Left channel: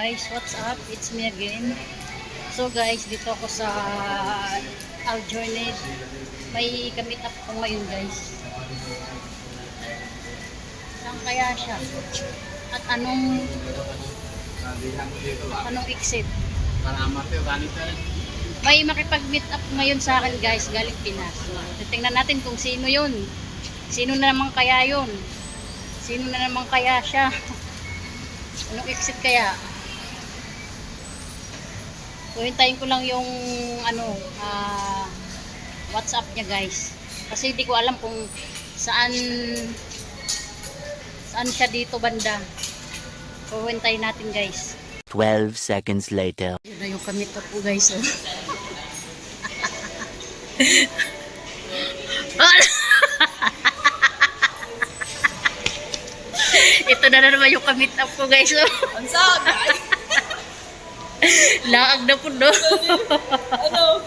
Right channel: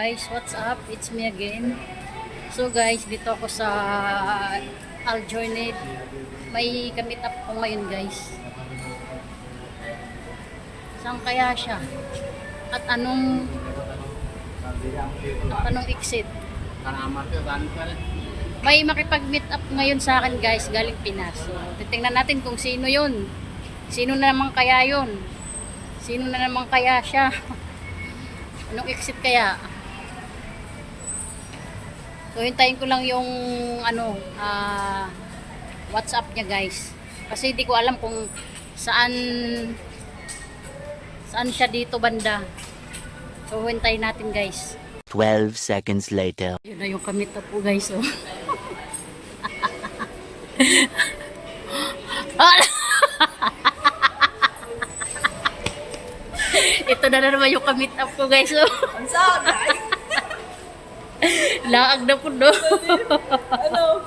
guys, what's up? It's me again. So guys, dito ako sa Aljourney. May kamit up ko ngayon guys. Saan kaya siya? At anong exit? May makipag-meet up ngayon sa akin guys, galing Pinas. So, titingnan natin kung sino yun. Sino na naman kaya yun? Sino na naman kaya siya? Anong exit kaya? So hintayin ko lang yung WhatsApp niya guys. Kasi hindi ko alam kung saan siya dito banda. So hintayin natin guys. 12 seconds later. Yun na yung kamit po guys. Oh. Ito na naman yung kamit up ko guys. Oh. Ang sagay! Laag na po no. Ano?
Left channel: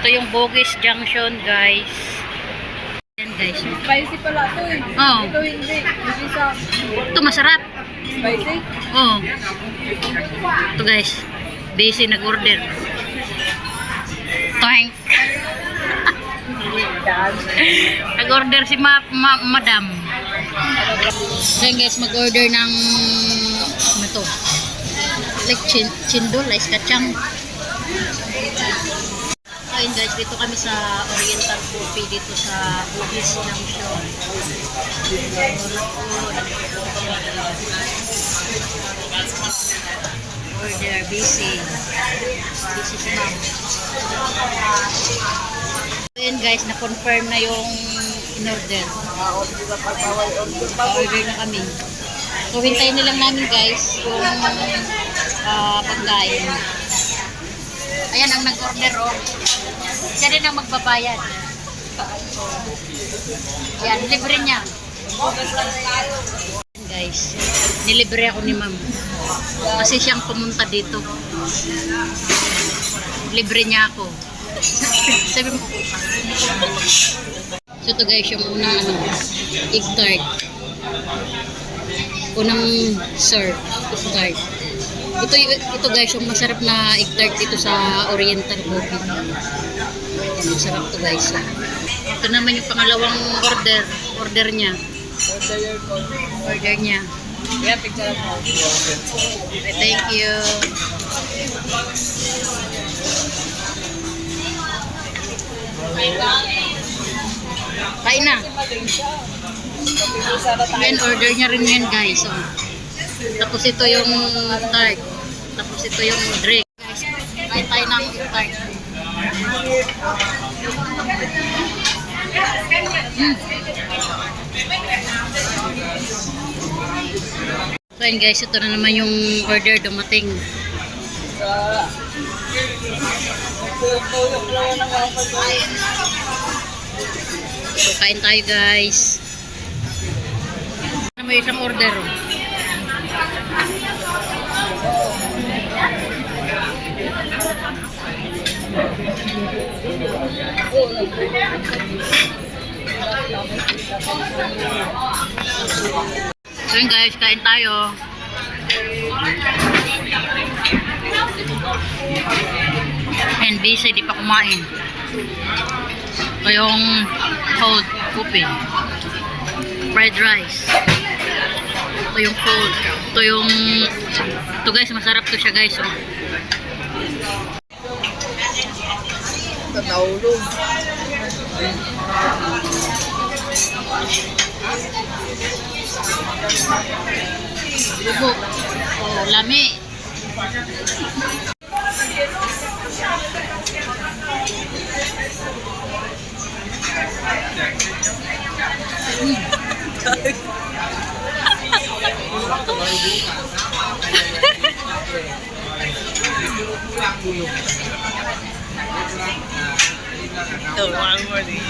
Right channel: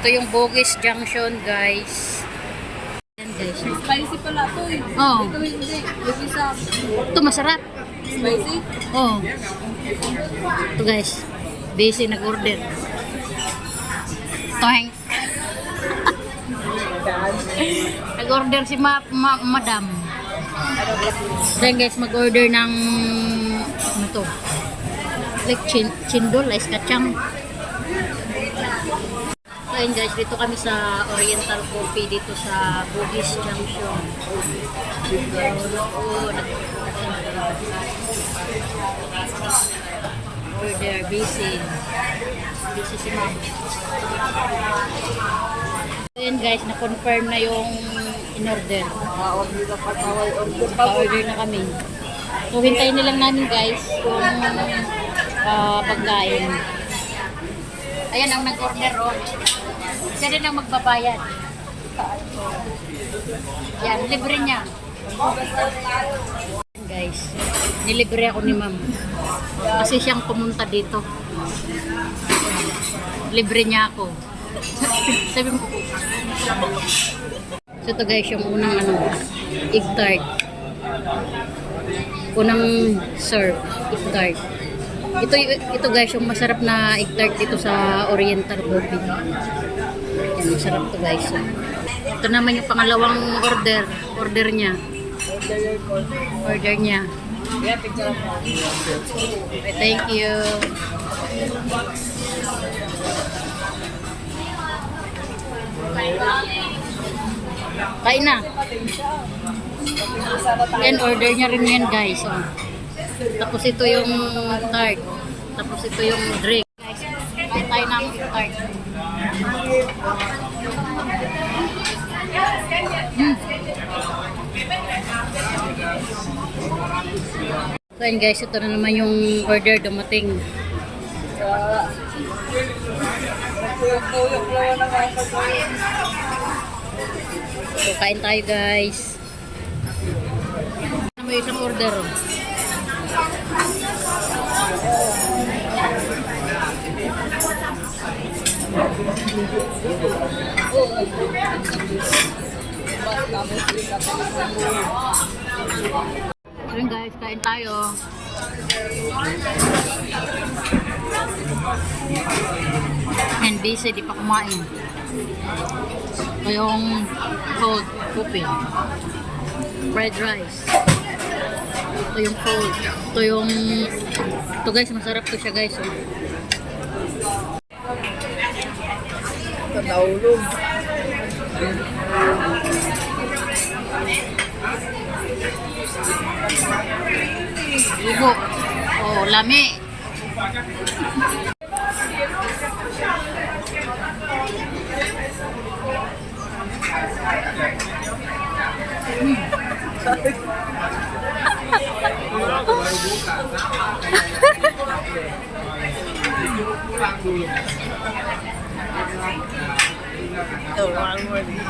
Ito yung Bugis Junction guys. Yan guys. Spicy pala ito eh. Oh. Ito hindi. Kasi sa Ito masarap. spicy. Oh. Ito guys. Busy nag-order. Toink. Nag-order si madam. So yun guys, mag-order ng ano to? Like chindol, ice kachang. So yun guys, dito kami sa Oriental Coffee dito sa Bugis Junction. Order, busy. Busy si ma'am. So yun guys, na-confirm na yung in-order. Pa-order na kami. So hintayin na lang namin guys yung pagkain. Ayan ang nag-order oh. Siya rin ang magbabayad. Yan, libre niya. Guys, nilibre ako ni ma'am. Kasi siyang pumunta dito. Libre niya ako. Sabi mo. So ito guys, yung unang egg tart. Unang serve, egg tart. Ito guys, yung masarap na egg tart dito sa Oriental Coffee. Yan, masarap to guys. Ito naman yung pangalawang order niya. Order niya. Yeah, picture mo. Okay, thank you. Kain na. Yan, order niya rin yan guys. Oh. Tapos ito yung tart. Tapos ito yung drink. Guys, kain tayo ng tart. So yun guys, ito na naman yung order dumating. So kain tayo guys. Ano mo isang order oh. So yun guys, kain tayo. And busy, di pa kumain. Ito yung cold coffee, fried rice. Ito yung cold. Ito guys, masarap to siya guys. Oh. Ito naulog. Lubok. Oh, lami. Oh, one more these.